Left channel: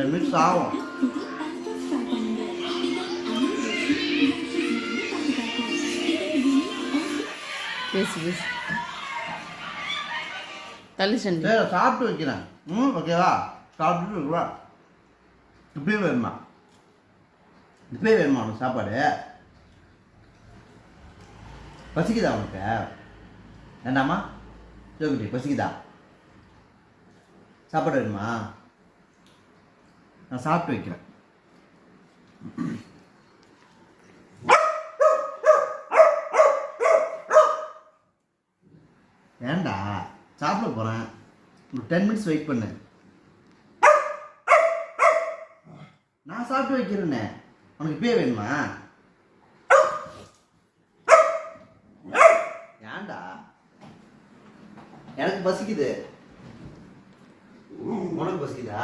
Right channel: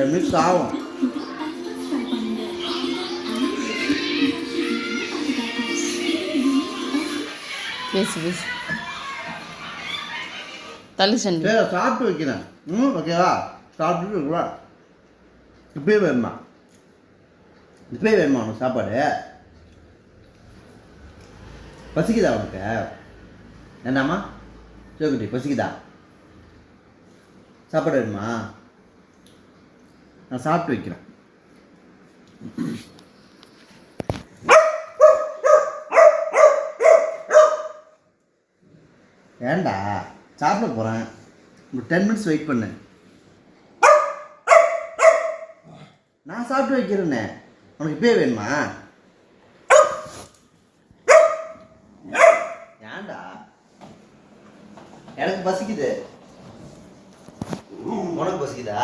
10 minutes ஆகும். பேசு தள்ளி சண்டி. சரி சாப்பிட்டு வைக்கிறேன். ஓகேவா? சாப்பிட்டுட்டு இருக்குவா. இப்பயே வேணுமா உனக்கு சாப்பாடு? பசிக்குதா உனக்கு? வேண்டாமா? சிவகுட்டி பசிக்குதா? சாப்பாடு வேணுமா? நான் சாப்பிட்டு வைக்கிறேன். ஏண்டா சாப்பிட போகிறேன். ஒரு 10 minutes வெயிட் பண்ணு. நான் சாப்பிட்டு வைக்கிறேன்னே. உனக்கு இப்பயே வேணுமா? ஏண்டா எனக்கு பசிக்குது. உனக்கு பசிக்குதா?